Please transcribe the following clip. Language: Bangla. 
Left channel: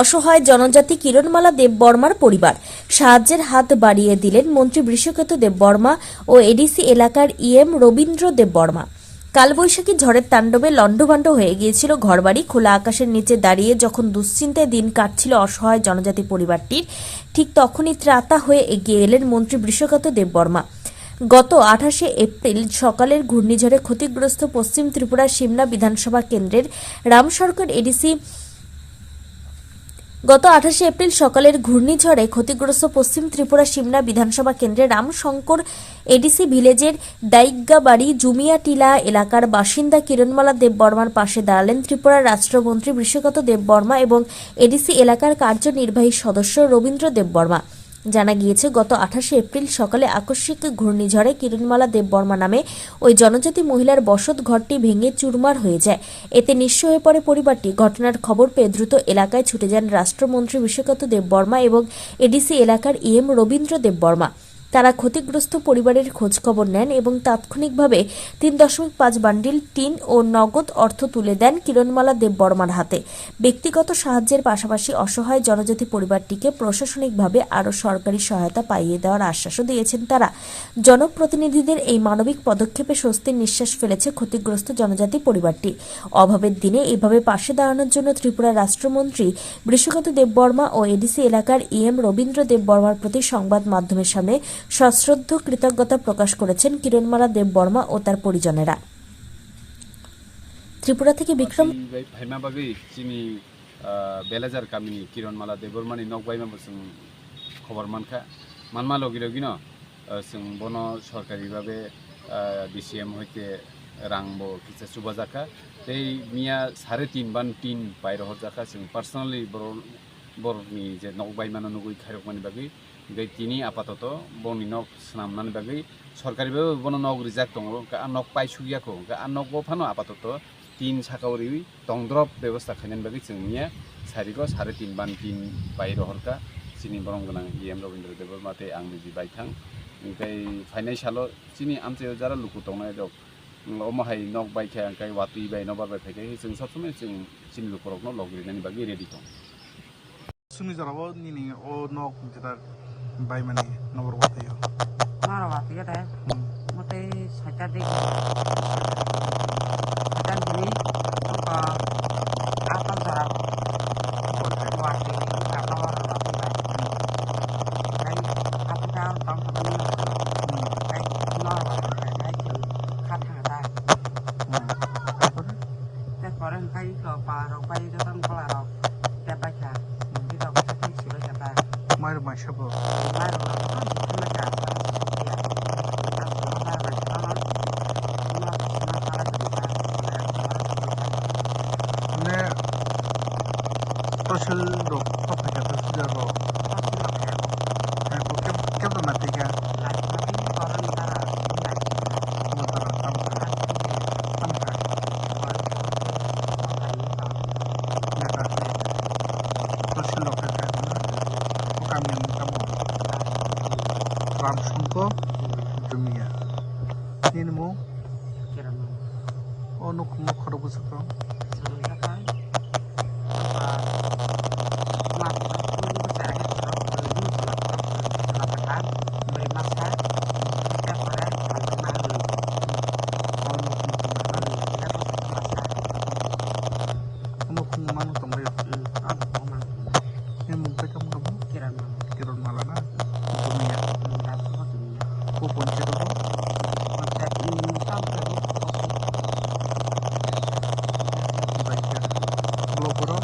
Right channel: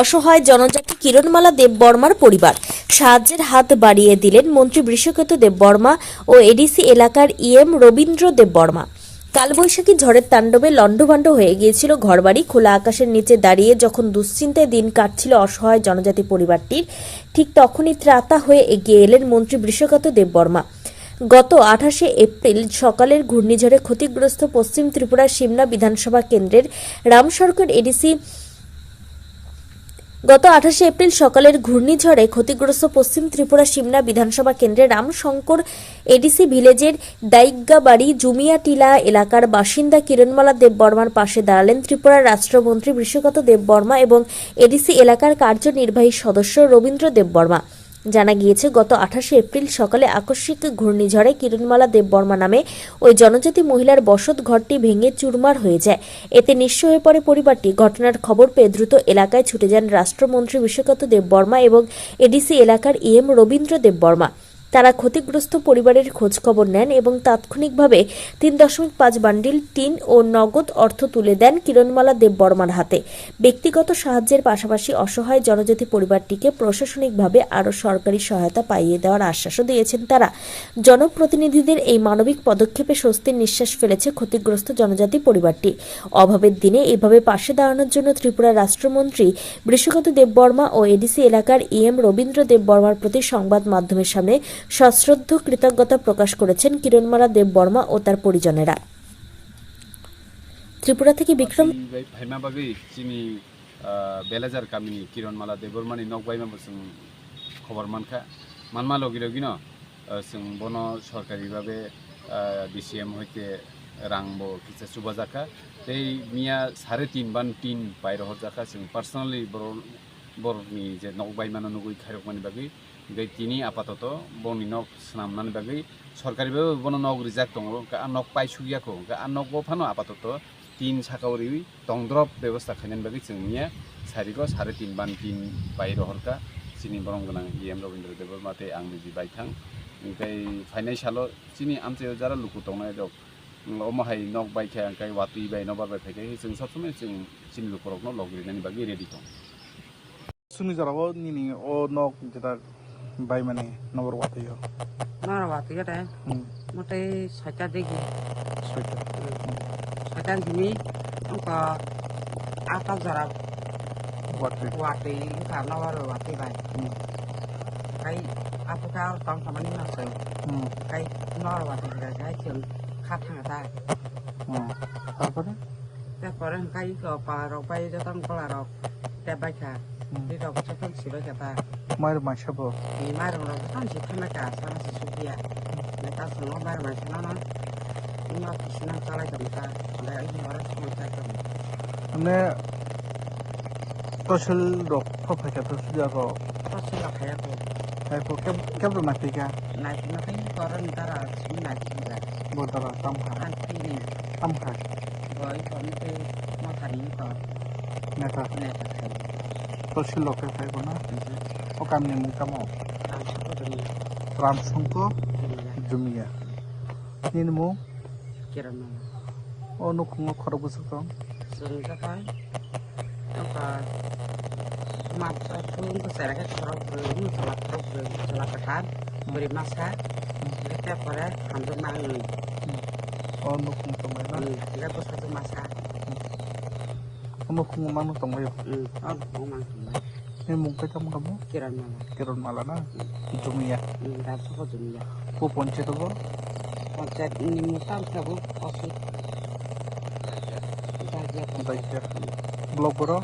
অসহায় জনজাতি কিরণমালা দেববর্মার পরিবার। সাহায্যের হাত বাড়িয়ে দিলেন মন্ত্রী বৃষকেতু দেববর্মা ও এডিসি এলাকার ইএম রবীন্দ্র দেববর্মা। কালবৈশাখী ঝড়ের তাণ্ডবে লণ্ডভণ্ড হয়ে গিয়েছিল ঘরবাড়ি। খোলা আকাশের নিচে দাঁড়িয়ে যখন দুশ্চিন্তায় দিন কাটছিল অসহায় জনজাতি পরিবারটির, ঠিক তখনই ত্রাতা হয়ে এগিয়ে এলেন মন্ত্রী বৃষকেতু দেববর্মা। গত 28 এপ্রিল সকালের ঘূর্ণিঝড়ে ক্ষতিগ্রস্ত পশ্চিম ত্রিপুরার সিমনা বিধানসভা কেন্দ্রের রামশঙ্কর এডিসি গত 28 এপ্রিল সকালের ঘূর্ণিঝড়ে ক্ষতিগ্রস্ত পশ্চিম ত্রিপুরা সিমনা বিধানসভা কেন্দ্রে রামশঙ্কর এডিসি ভিলেজের দাইগ্গাবাড়ি জুমিয়াটিলা এলাকার বাসিন্দা কিরণমালা দেববর্মার পাশে দাঁড়ালেন ত্রিপুরার রাষ্ট্রমন্ত্রী বৃষকেতু দেববর্মা এবং এডিসি এলাকার কার্যনির্বাহী সদস্য রবীন্দ্র দেববর্মা। জানা গিয়েছে, গত 28 এপ্রিল সকালে আকস্মিক ঘূর্ণিঝড়ে কিরণমালা দেববর্মা নামে ওই জনজাতি মহিলার বসত ঘরটি ভেঙে চুরমার হয়ে যায়। এতে নিঃস্ব হয়ে পড়ে পরিবারটি। ঘটনার খবর পেয়ে দ্রুত এলাকায় ছুটে যান রাষ্ট্রমন্ত্রী বৃষকেতু দেববর্মা এবং এডিসি এলাকার ইএম রবীন্দ্র দেববর্মা। তারা ক্ষতিগ্রস্ত পরিবারের খোঁজ খবর নেন এবং তাৎক্ষণিকভাবে 3.5 বান্ডিল টিন ও নগদ অর্থ তুলে দেন কিরণমালা দেববর্মার হাতে। ব্যক্তিগত সাহায্যের পাশাপাশি অসহায় জনজাতি পরিবারটিকে প্রশাসনিকভাবে আরও সরকারি সহায়তা পাইয়ে দেওয়ার আশ্বাসও দিয়েছেন তারা। জনপ্রতিনিধিদের এই মানবিক পদক্ষেপে স্বস্তির নিঃশ্বাস ফেলেছে ক্ষতিগ্রস্ত জনজাতি পরিবারটি। অভাবের দিনে এভাবে পাশে দাঁড়ানোর জন্য ত্রিপুরার রাষ্ট্রমন্ত্রী বৃষকেতু দেববর্মা ও এডিসি এলাকার ইএম রবীন্দ্র দেববর্মার প্রতি সংবাদ মাধ্যমের সামনে সশ্রদ্ধ কৃতজ্ঞতা প্রকাশ করেছেন কিরণমালা দেববর্মা ও তার পরিজনেরা। ত্রিপুরা থেকে বিক্রম বেলাজার কামিনী কিরণমালা দেববর্মানি নকবাইমা বসুন খবর মানখা মানমা লগি লগি जों बन सरकारिभाবে ডিসিএম হইতে রাংবো কিছু সুবা জাকা এই মিয়া 3.5 বান 3 বাইরে হর জাকা जों পার্সোনালি বড়নি যে নকবাইমানো নগুই খাইরকমানি বাগै gai tini apatot boni nok snamnani bagai sorkaribabe bono nok rijak tongo nok paisugiyako nok bo phano apatot tin sakauri tongdrop ব্যবস্থা খাইনানি bagai जोंनिया sariko 3.5 ban 3 বাইরে হরকা চিনি বরং গোনাं ইএম রবীন্দ্র দেববর্মাতে आंनि जि बायथां ओमफ्राय फाइनान्सियलो चिनि आमचे जारा लुकु तंनाय दक ओमाहाय नक बायखा ओमफ्राय वातुइ बाय न बारबाय फायखाय जों सब समय जों चिनि लुकुरकनो लगरिनानि बागै रेडि दं सुनि जराबो निनि ओ नक जेता बाय माने नबर वातुइयो नबर वातुइयो दे मते साइटा देखि साइटा दिनि अंका आता जरा वातुइ का नबर वातुइ bye kai apa kau tong sama ni nak kai nor water kai tu kat hang da tak koran kai ko paro pai jo tong kelaro te baca di tong ko tong siba jata mai mai sabo mai ro ko tong si thana ka sama si dia ni ta so no mai mai sana no na sala ke ta na ai mara ko ta ane toshil rok pha ka to sija ro toshil khaya ko ko kem to na tika lai na kai koran tara ni lai da bo tara tam kha boy ko ni ma kari ka na ka toshil rok ka ko na o kam ni mung tamo ram sungko jumia ni mo kirana o no khung khoro bu sa sun ka kai apa mat pun besar het kalau belum selat tekan beri masa kita pada hantu mangu o no khung to mai na kita satu masa no khung manu to mai on mang ni mung ka tam kamu kirana kiron mala na jumia dah semua dunia ko ponche to konsep ini mutam tadi pasti baik ya blog bro